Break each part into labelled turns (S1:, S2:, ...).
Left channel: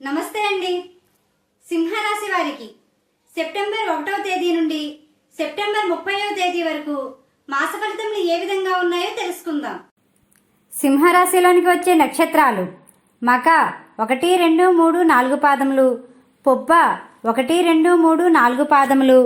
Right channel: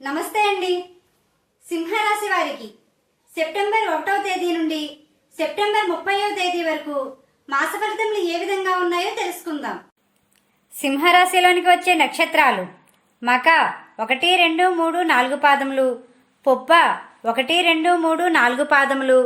S1: నమస్తే అండి. సింహరాశి వారికి సెప్టెంబర్ ఒకటవ తేదీ నుండి సెప్టెంబర్ ముప్పైవ తేదీ వరకు మాస ఫలితములు ఏ విధంగా ఉన్నాయో తెలుసుకుందాం.
S2: సింహరాశిలోనికి వచ్చే నక్షత్రాలు మక ఒకటి రెండు మూడు నాలుగు పాదములు పొప్ప ఒకటి రెండు మూడు నాలుగు పాదములు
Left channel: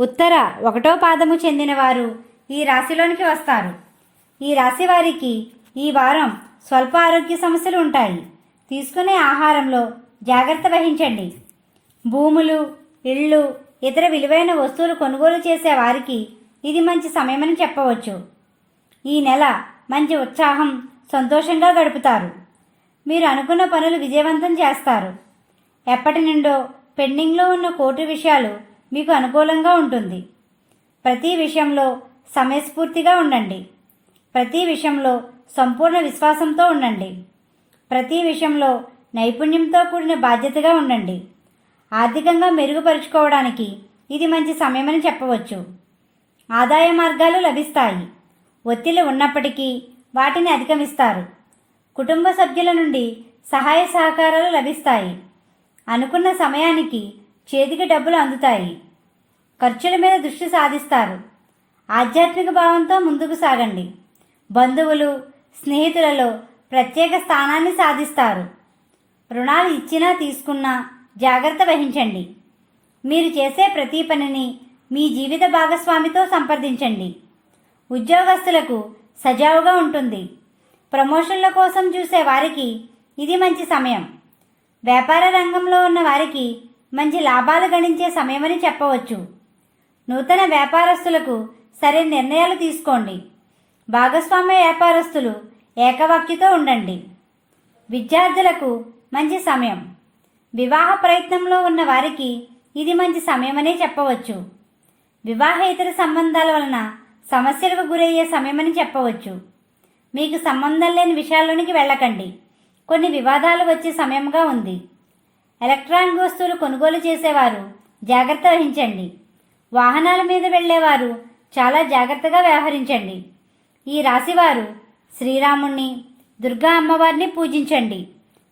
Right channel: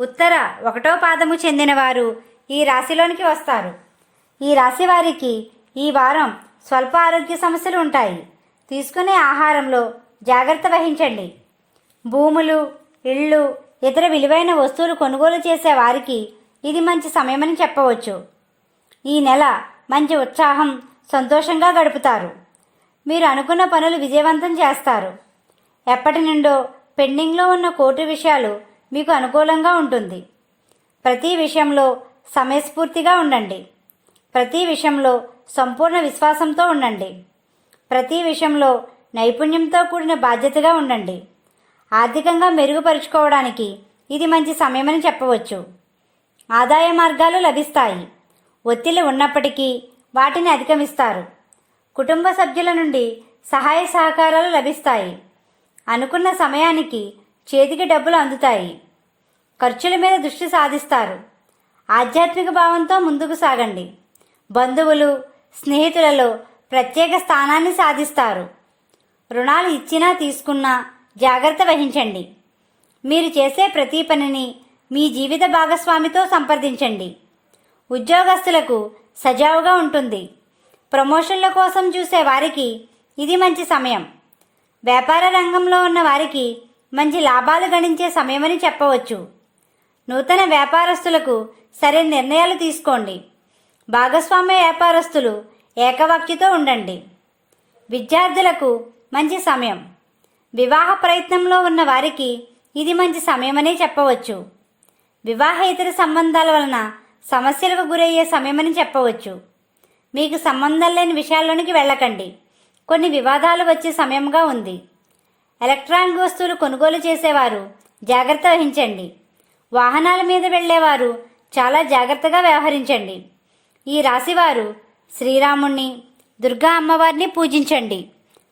S2: ఉత్తర ఒకటో పాదము చెందినవారు ఈ రాశిలోనికి వస్తారు. ఈ రాశి వారికి ఈ వారం స్వల్ప ఆరోగ్య సమస్యలు ఉంటాయి. తీసుకునే ఆహారంలో జాగ్రత్త వహించండి. భూములు ఇళ్ళు ఇతర విలువైన వస్తువులు కొనుగోలు చేసే వారికి ఇది మంచి సమయమని చెప్పవచ్చు. ఈ నెల మంచి ఉత్సాహం సంతోషంగా గడుపుతారు. మీరు అనుకున్న పనులు విజయవంతం చేస్తారు. ఎప్పటి నుండో పెండింగ్లో ఉన్న కోర్టు విషయాలు మీకు అనుకూలంగా ఉంటుంది. ప్రతి విషయంలో సమయస్ఫూర్తిగా ఉండండి. ప్రతి విషయంలో సంపూర్ణ విశ్వాసంతో ఉండండి. ప్రతి విషయంలో నైపుణ్యంతో కూడిన బాధ్యతగా ఉండండి. ఆర్థికంగా మెరుగుపరుచుకోవడానికి ఇది మంచి సమయమని చెప్పవచ్చు. ఆదాయ మార్గాలు లభిస్తాయి. ఒత్తిడి ఉన్నప్పటికీ వాటిని అధిగమిస్తారు. కుటుంబ సభ్యుల నుండి సహాయ సహకారాలు లభిస్తాయి. అనుకున్న సమయానికి చేతికి డబ్బులు అందుతాయి. ఖర్చుల మీద దృష్టి సాధిస్తారు. ఆధ్యాత్మిక భావంతో ముందుకు సాగండి. బంధువులు స్నేహితులలో ప్రత్యేక స్థానాన్ని సాధిస్తారు. రుణాలు ఇచ్చినా తీసుకున్నా జాగ్రత్త వహించండి. మీరు చేసే ప్రతి పనిని మీ జీవిత భాగస్వామితో సంప్రదించండి. ఉద్యోగస్తులకు సజావుగా ఉంటుంది. ప్రమోషన్ల కోసం చూసే వారికి ఇది మంచి సమయం. వ్యాపార రంగంలో ఉన్న వారికి మంచి లాభాలు గణించే సమయమని చెప్పవచ్చు. నూతన వ్యాపారస్తులకు సరైన నిర్ణయాలు తీసుకోండి. భాగస్వామ్య వ్యాపారస్తులు ఏకవాక్యతో ఉండండి. విద్యార్థులకు మంచి సమయం. వివాహ ప్రయత్నంలో ఉన్న వారికి ఇది మంచి సమయమనే చెప్పవచ్చు. వివాహేతర సంబంధాల వలన సమస్యలకు గురయ్యే సమయమని చెప్పవచ్చు. మీకు సంబంధం లేని విషయాల్లోనికి వెళ్ళకండి. కొన్ని వివాదాలు వచ్చే సమయంగా ఉంది. ఎలక్ట్రానిక్ వస్తువులు కొనుగోలు చేసేవారు జాగ్రత్త వహించండి. వాహనాల మీద వెళ్ళేవారు చాలా జాగ్రత్తగా వ్యవహరించండి. ఈ రాశివారు శ్రీరాముణ్ణి దుర్గా అమ్మవారిని పూజించండి.